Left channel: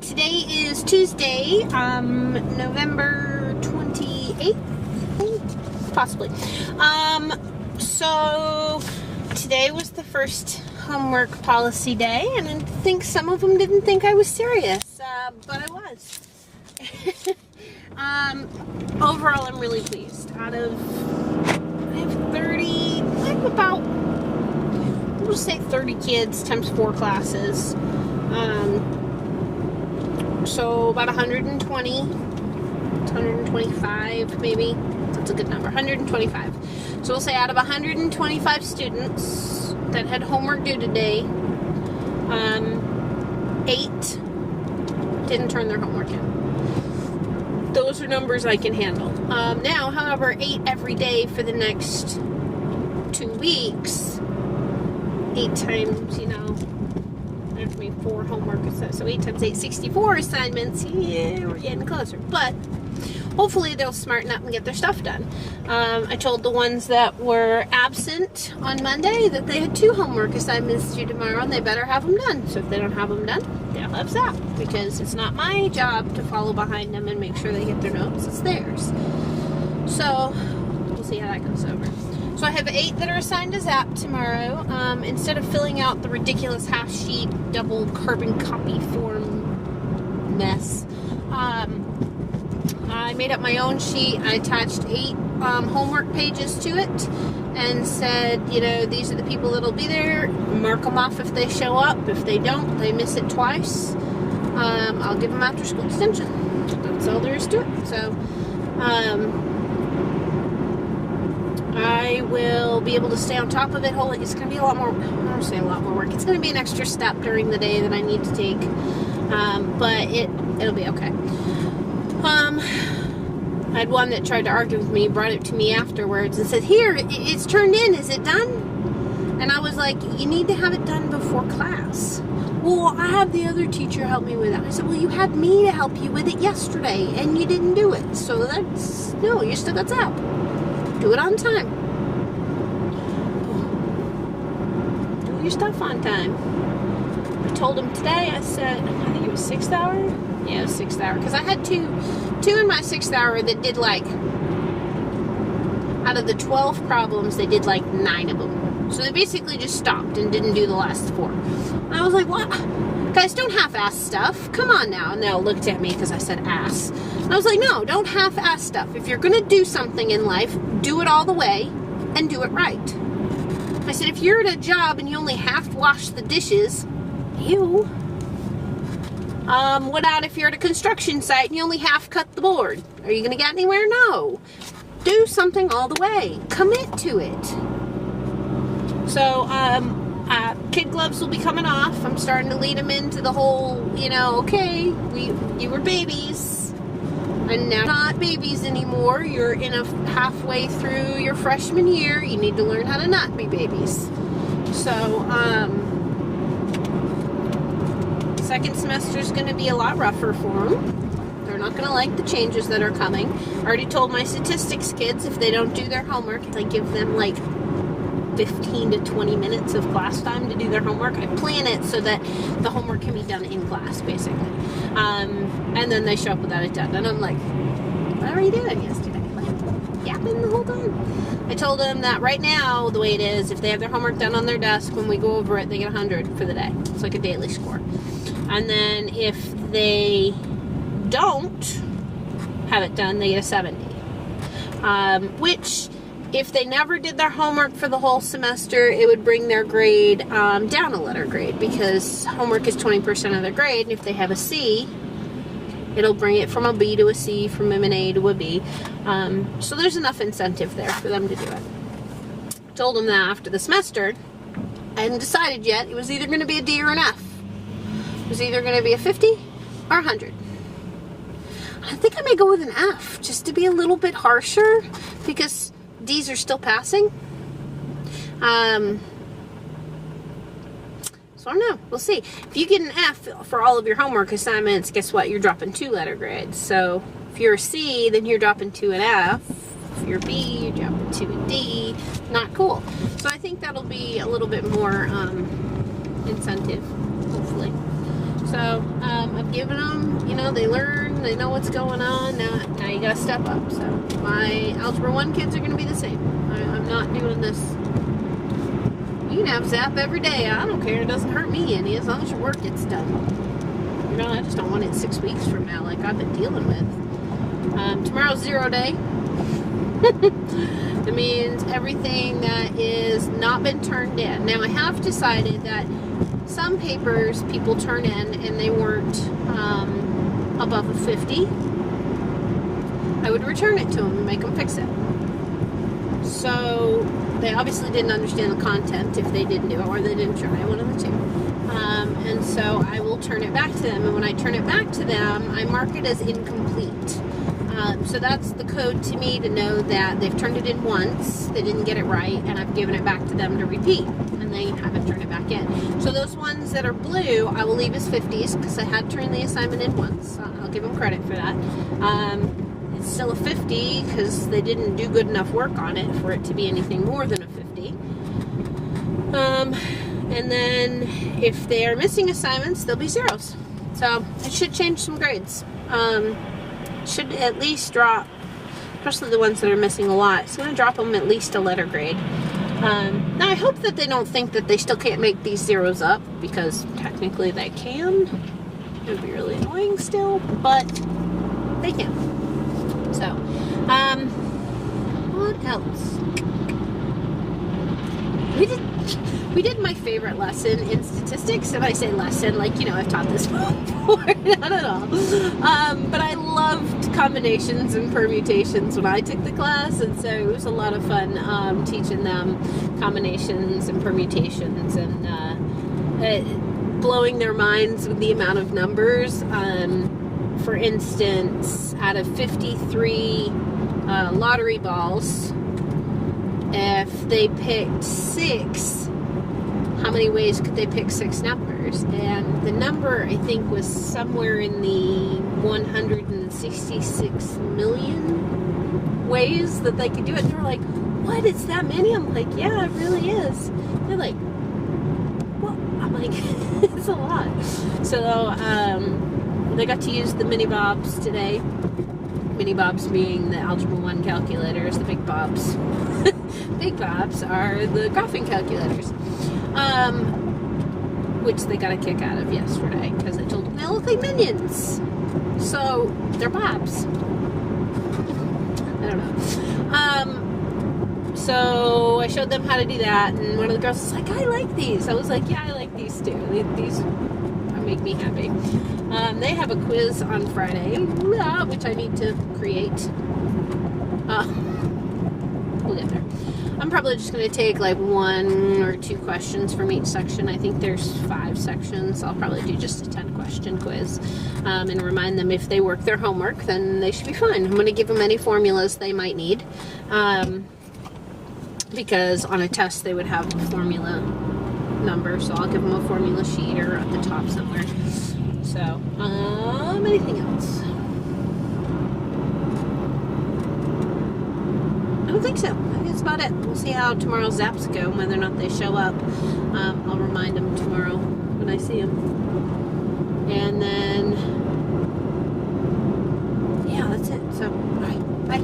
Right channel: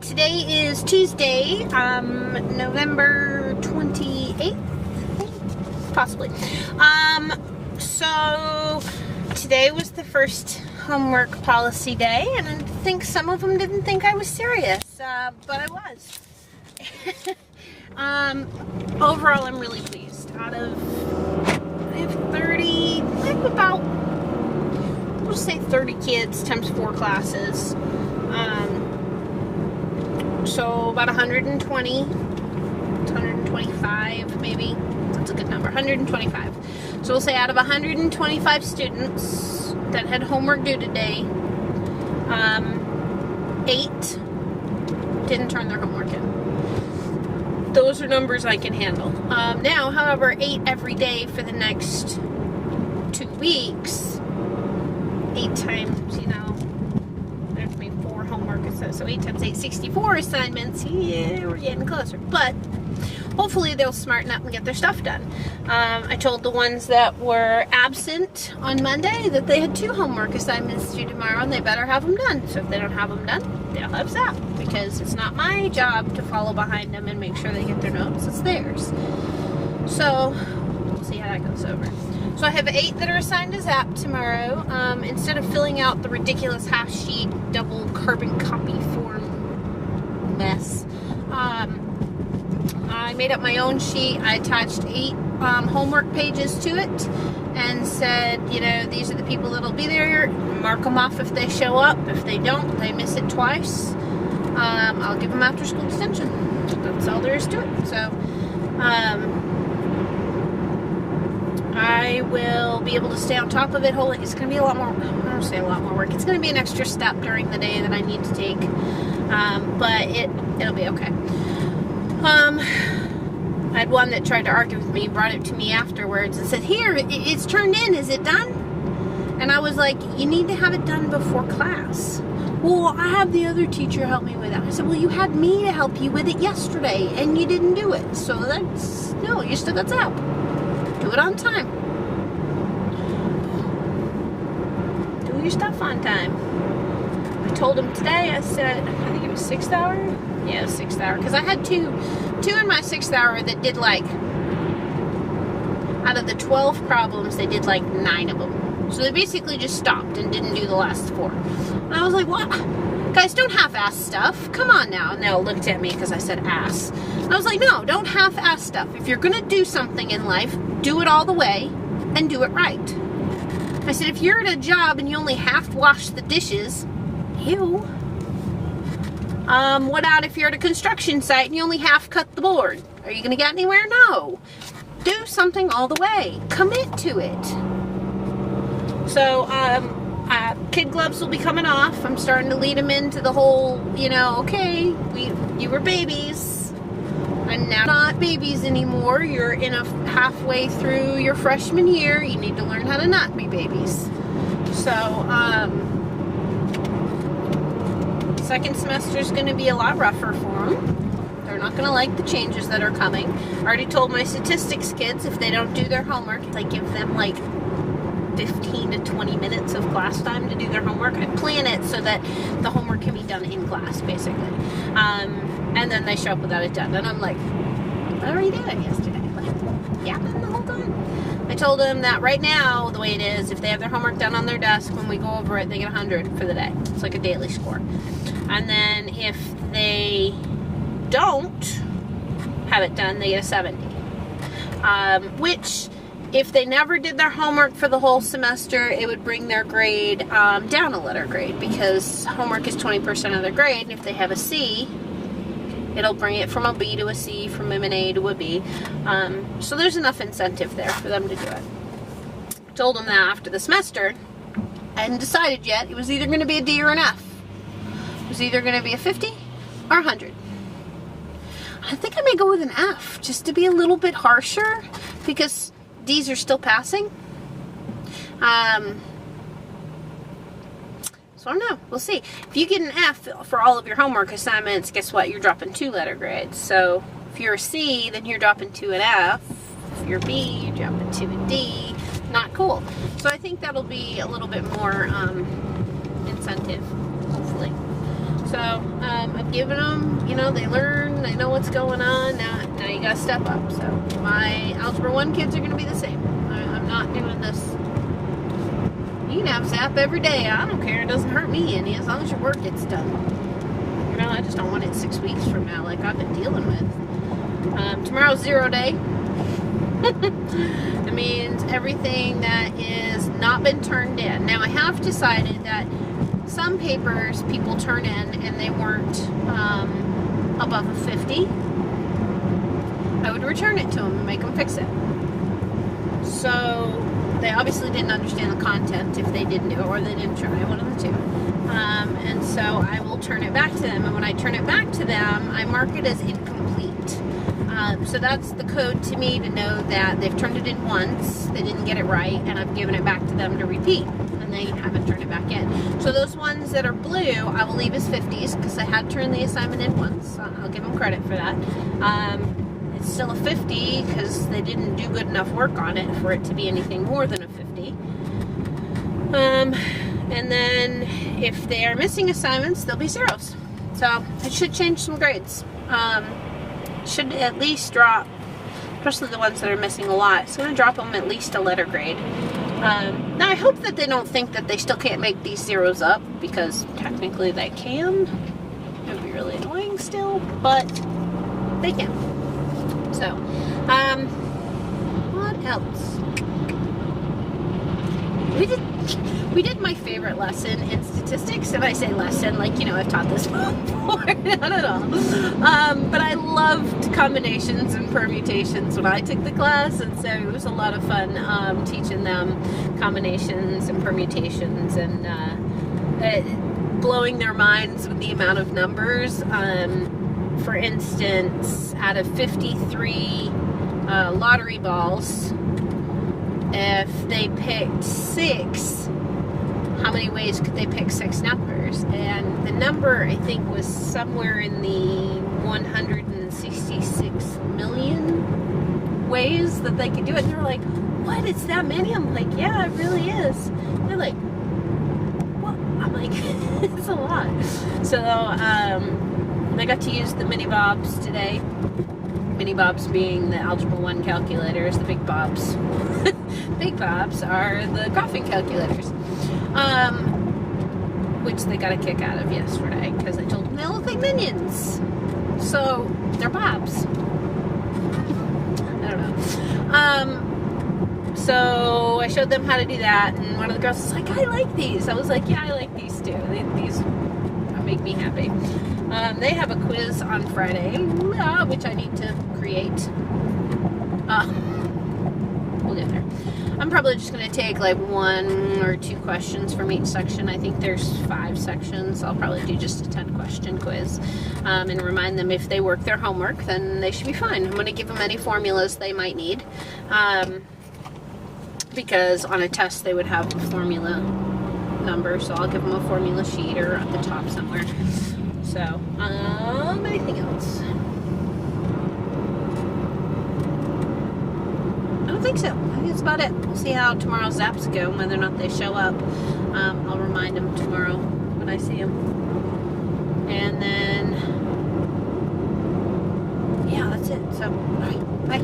Today is Tuesday, November 28th, possibly. So today was the first homework policy day, and I think some of them didn't think I was serious, but I was. Overall, I'm really pleased. I have about, we'll say 30 kids times 4 classes. So about 120, 125 maybe. That's a good number, 125. So we'll say out of 125 students that had homework due today, 8 didn't turn their homework in. Those are numbers I can handle. Now, however, 8 every day for the next 2 weeks, 8 times, 4 homework assignments, so 8 times 8, 64 assignments. Yeah, we're getting closer. But hopefully they'll smarten up and get their stuff done. I told the ones that were absent on Monday that they had 2 homework assignments due tomorrow, and they better have them done. So if they don't have them done, they'll have SAP, because it's not my job to follow behind them and make sure they get their notes. It's theirs. So we'll see how that goes over. So I have 8 that are assigned to ZAP tomorrow. Instead of filling out the ridiculous half sheet, double carbon copy form mess, I made up my own sheet. I attached 8 homework pages to it and said, these are the people that'll be there. Mark them off if they show up. If they don't, they miss it twice. I'll give them after school extension. That's all there is to it. So, I will be able to stay on top of it. It's going to be a lot more, I don't say a lot more work. It's going to be an extra step during the day that I need to take. But it'll be okay. I had one that tried to argue with me, brought it to me afterwards and said, here, it's turned in. Is it done? And I was like, you need to have it done before class. Well, I have the other teacher help me with it. I said, well, you had me to help you with it yesterday, and you didn't do it. So no, you still got ZAP. Do it on time. Do your stuff on time. I told him today, I said, I think it was 6th hour? Yeah, it was 6th hour. Because I had two in my 6th hour that did out of the 12 problems, they did 9 of them. So they basically just stopped and didn't do the last 4. And I was like, what? Guys, don't half-ass stuff. Come on now. And they all looked at me because I said ass. And I was like, no, don't half-ass stuff. If you're going to do something in life, do it all the way and do it right. I said, if you're at a job and you only half-wash the dishes, ew. What about if you're at a construction site and you only half-cut the board? Are you going to get anywhere? No. Do something all the way. Commit to it. So, kid gloves will be coming off. I'm starting to lead them into the whole, okay, you were babies, and now not babies anymore. You're halfway through your freshman year. You need to learn how to not be babies. So, second semester is going to be a lot rougher for them. They're not going to like the changes that are coming. I already told my statistics kids if they don't do their homework, I give them 15 to 20 minutes of class time to do their homework. I plan it so that the homework can be done in class, basically. And then they show up without it done. And I'm like, what were you doing yesterday? Yapping the whole time. I told them that right now, the way it is, if they have their homework done on their desk, when we go over it, they get 100 for the day. It's like a daily score. And then if they don't have it done, they get a 70. Which, if they never did their homework for the whole semester, it would bring their grade down a letter grade, because homework is 20% of their grade, and if they have a C, it'll bring it from a B to a C, from an A to a B. So there's enough incentive there for them to do it. I told them that after the semester. I hadn't decided yet. It was either going to be a D or an F. It was either going to be a 50 or 100. I think I may go with an F, just to be a little bit harsher, because D's are still passing. So I don't know. We'll see. If you get an F for all of your homework assignments, guess what? You're dropping 2 letter grades. So if you're a C, then you're dropping to an F. If you're B, you're dropping to a D. Not cool. So I think that'll be a little bit more incentive, hopefully. So I've given them, you know, they learn, they know what's going on. Now you gotta step up. So my Algebra 1 kids are going to be the same. I'm not doing this. You can have Zap every day. I don't care. It doesn't hurt me any as long as your work gets done. You know, I just don't want it 6 weeks from now like I've been dealing with. Tomorrow's 0 day. It means everything that is not been turned in. Now I have decided that some papers people turn in and they weren't above a 50. I would return it to them and make them fix it. So they obviously didn't understand the content if they didn't do it, or they didn't try, one of the two. And so I will turn it back to them, and when I turn it back to them, I mark it as incomplete. So that's the code to me to know that they've turned it in once, they didn't get it right, and I've given it back to them to repeat, and they haven't turned it back in. So those ones that are blue, I will leave as 50s, because I had turned the assignment in once. I'll give them credit for that. It's still a 50, because they didn't do good enough work on it for it to be anything more than a 50. And then if they are missing assignments, they'll be zeros. So it should change some grades. Should at least drop, especially the ones that are missing a lot, it's going to drop them at least a letter grade. Now I hope that they don't think that they still can't make these zeros up, because technically they can. It would be really annoying still, but they can. So, what else? We did my favorite lesson in statistics, and I say lesson like, you know, I've taught this before, not at all. But I loved combinations and permutations when I took the class, and so it was a lot of fun teaching them combinations and permutations, and blowing their minds with the amount of numbers. For instance, out of 53 lottery balls, if they picked 6, how many ways could they pick 6 numbers? And the number, I think, was somewhere in the 166 million ways that they could do it. And they're like, what, it's that many? I'm like, yeah, it really is. They're like, what? I'm like, it's a lot. So I got to use the mini bobs today. Mini bobs being the Algebra 1 calculators. The big bobs. Big bobs are the graphing calculators. Which they got a kick out of yesterday, because I told them they look like minions. So, they're bobs. I don't know. So, I showed them how to do that, and one of the girls was like, I like these. I was like, yeah, I like these too. These make me happy. They have a quiz on Friday, which I need to create. We'll get there. I'm probably just going to take like 1 or 2 questions from each section. I think there's 5 sections. I'll probably do just a 10-question quiz, and remind them if they work their homework, then they should be fine. I'm going to give them any formulas they might need, because on a test they would have a formula number, so I'll give them a formula sheet or at the top somewhere. So, anything else? I don't think so. I think that's about it. We'll see how tomorrow's zaps go, whether or not they show up. I'll remind them tomorrow when I see them. And then, yeah, that's it. So, bye.